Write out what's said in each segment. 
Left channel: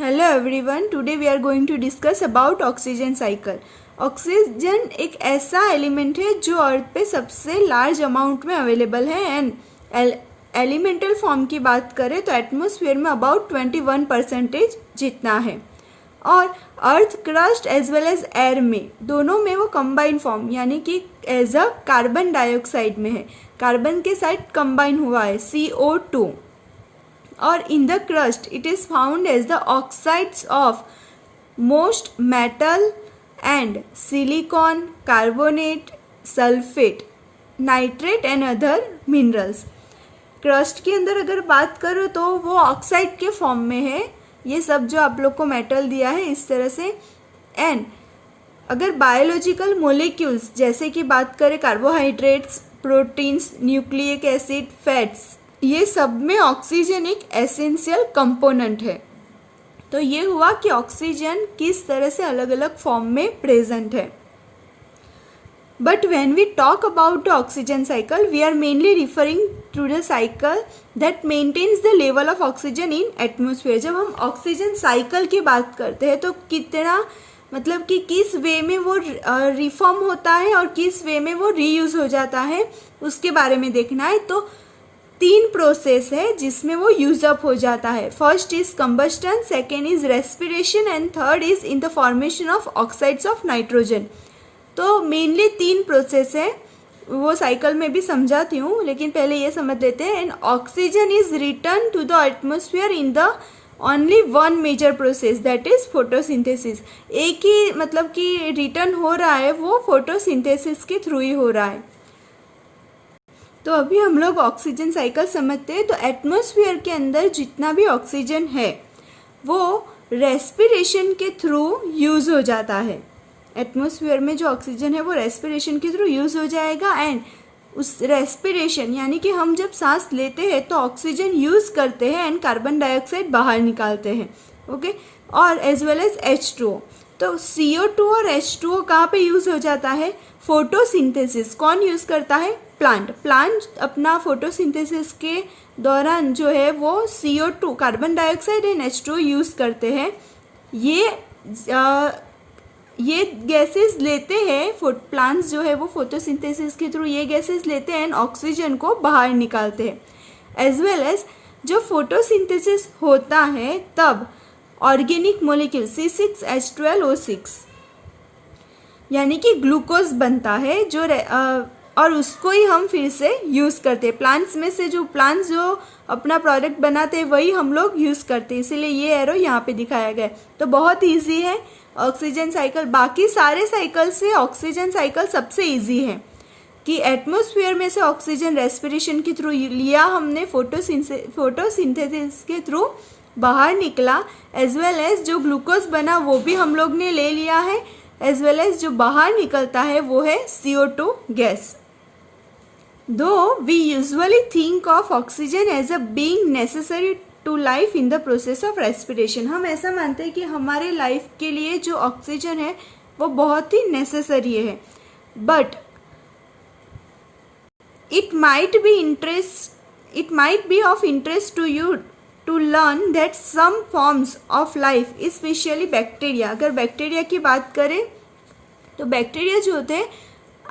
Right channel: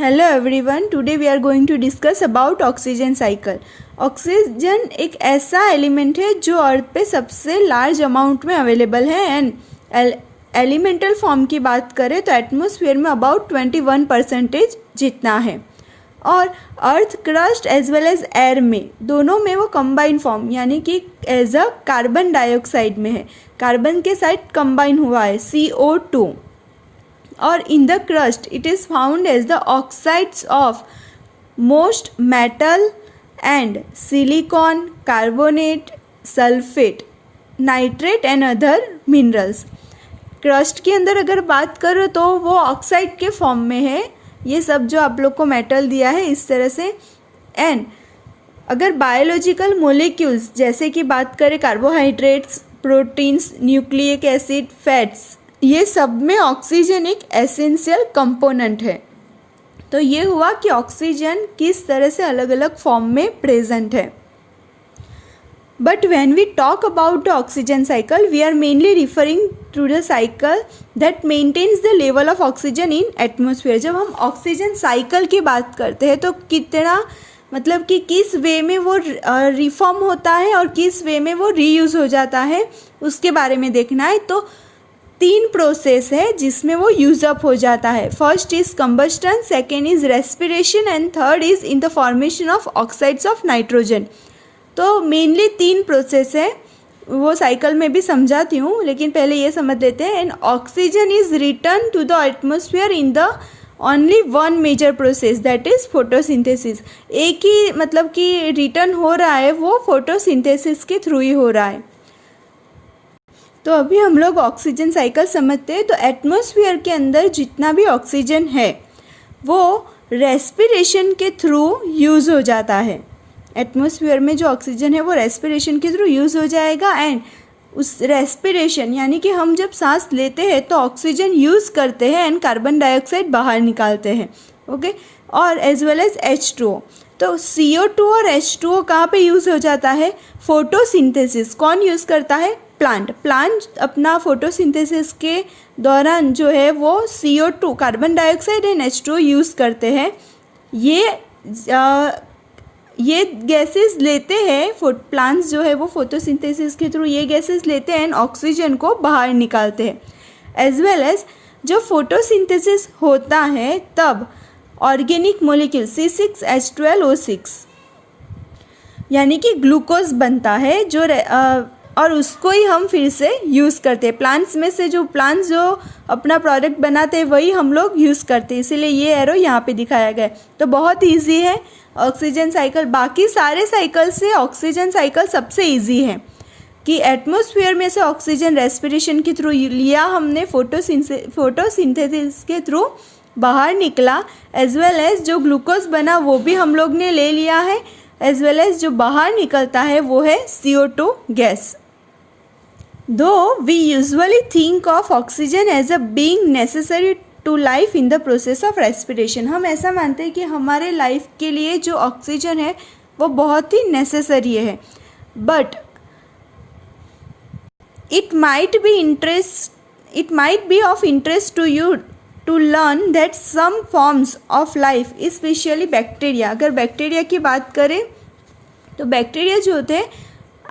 Hello everyone, today we are going to discuss about oxygen cycle. Oxygen एक ऐसा element है जो earth पे सबसे लार्ज अमाउंट में अवेलेबल है एंड एलिमेंटल फॉर्म की बात करें तो एटमॉस्फेयर में अबाउट 21% जितना है। और earth crust as well as air में दोनों में वो कंबाइन फॉर्म यानी कि एज अ कार्बन डाइऑक्साइड में है। कार्बन के साथ कंबाइन हुआ है CO2 और in the crust it is found as the oxides of most metal and silicon, carbonate, sulfate, nitrate and other minerals। Crust के अंदर अगर बात करो तो वो ऑक्साइड के फॉर्म में है, ये सब जो आप लोग को मेटल दिया है इस तरह से। एंड अगर बायोलॉजिकल मोलिक्यूल्स जैसे कि बात करें carbohydrates, proteins, nucleic acid, fats, ये सब में ऑक्सीजन एक एसेंशियल कंपोनेंट है। तो ये हुआ कि ऑक्सीजन किस तरह से अलग अलग फॉर्म में प्रेजेंट है। But when we talk about the oxygen cycle we are mainly referring to the cycle that maintains the level of oxygen in atmosphere. जब हम ऑक्सीजन साइकिल की बात करते हैं तो कितना मतलब कि किस वे में वो रिफॉर्म होता है और किस वे में वो रीयूज हो जाता है उसके बारे में देखना है। तो 3 प्रोसेस है जिसमें वो यूज अप हो जाता है। First is combustion, second is respiration and third is in the formation of oxides of nitrogen. तो मेनली 3 प्रोसेस है, वो साइकिल में भी समझाती हूँ लेकिन पहले ये समझ लेते हैं। And oxygen is return to the atmosphere in the only one major process that is photosynthesis. एक ही मतलब कि रिटर्न हो रहा है वो फोटोसिंथेसिस के थ्रू ही हो रहा है। तो अभी हम लोग ऑक्सीजन साइकिल समझते हैं। तो एटमॉस्फेयर के अंदर जितना भी ऑक्सीजन है वो रेस्पिरेशन के थ्रू यूज़ हो जाता है। एटमॉस्फेयर में जो ऑक्सीजन है वो रेस्पिरेशन के थ्रू यूज़ हो जाएगा एंड उस रेस्पिरेशन यानी कि हम जब सांस लेते हैं तो ऑक्सीजन यूज़ करते हैं एंड कार्बन डाइऑक्साइड बाहर निकालते हैं। ओके, और एज वेल एज H2O। तो CO2 और H2O कहाँ पे यूज़ हो जाता है? फोटोसिंथेसिस। कौन यूज़ करता है? प्लांट अपना फोटोसिंथेसिस के दौरान जो है वो CO2 carbon dioxide and H2O use करते हैं। ये गैसेस लेते हैं, प्लांट्स जो है वो फोटोसिंथेसिस के थ्रू ये गैसेस लेते हैं एंड ऑक्सीजन को बाहर निकालते हैं। एज वेल एज जब फोटोसिंथेसिस होता है तब ऑर्गेनिक मोलिक्यूल C6H12O6 यानी कि ग्लूकोज बनता है जो और उसको ही हम फिर से यूज़ करते हैं। प्लांट्स में से जो प्लांट्स जो अपना प्रोडक्ट बनाते हैं वही हम लोग यूज़ करते हैं, इसीलिए ये एरो यहाँ पे दिखाया गया है। तो बहुत इजी है ऑक्सीजन साइकिल, बाकी सारे साइकिल से ऑक्सीजन साइकिल सबसे इजी है कि एटमॉस्फेयर में से ऑक्सीजन रेस्पिरेशन के थ्रू लिया हमने, फोटोसिंथेसिस के थ्रू बाहर निकला, एज वेल एज जो ग्लूकोज बना वो भी हम लोग ने ले लिया है, एज वेल एज जो बाहर निकलता है वो है CO2 gas. Though we usually think of oxygen as a being necessary to life in the process of respiration, हम ऐसा मानते हैं कि हमारे लाइफ के लिए जो ऑक्सीजन है वो बहुत ही नेसेसरी है। But it might be of interest to you to learn that some forms of life, especially bacteria, अगर बैक्टीरिया की बात करें तो बैक्टीरिया जो होते हैं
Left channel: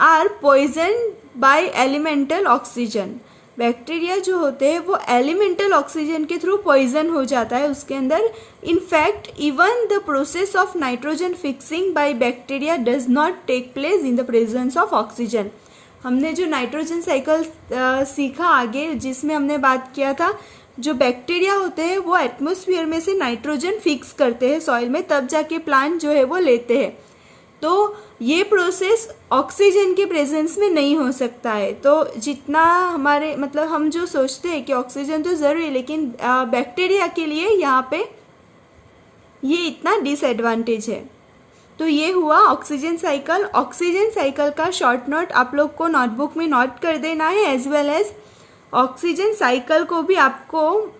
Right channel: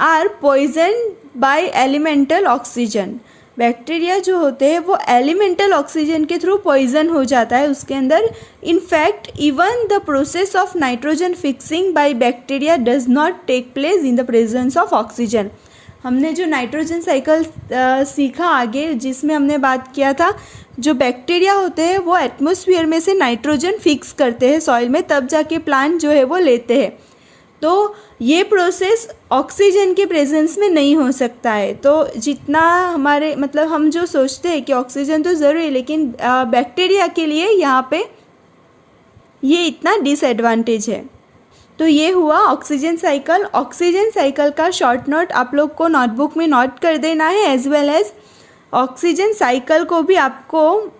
are poison by elemental oxygen. Bacteria जो होते हैं वो एलिमेंटल ऑक्सीजन के थ्रू पॉइजन हो जाता है उसके अंदर। In fact even the process of nitrogen fixing by bacteria does not take place in the presence of oxygen. हमने जो नाइट्रोजन साइकिल सीखा आगे जिसमें हमने बात किया था, जो बैक्टीरिया होते हैं वो एटमॉस्फेयर में से नाइट्रोजन फिक्स करते हैं सॉइल में, तब जाके प्लांट जो है वो लेते हैं। तो ये प्रोसेस ऑक्सीजन के प्रेजेंस में नहीं हो सकता है। तो जितना हमारे मतलब हम जो सोचते हैं कि ऑक्सीजन तो ज़रूरी है लेकिन बैक्टीरिया के लिए यहाँ पे ये इतना डिसएडवांटेज है। तो ये हुआ ऑक्सीजन साइकिल। ऑक्सीजन साइकिल का शॉर्ट नोट आप लोग को नोटबुक में नोट कर देना है, as well as oxygen cycle को भी आपको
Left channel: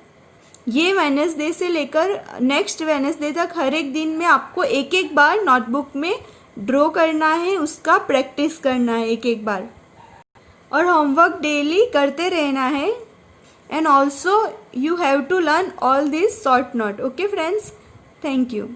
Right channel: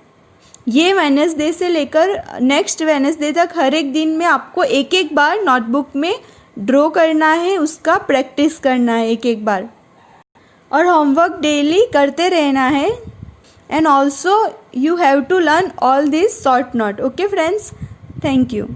ये वेडनेसडे से लेकर नेक्स्ट वेडनेसडे तक हर एक दिन में आपको एक एक बार नोटबुक में ड्रॉ करना है, उसका प्रैक्टिस करना है एक एक बार, और होमवर्क डेली करते रहना है। and also you have to learn all these short note. Okay friends, thank you.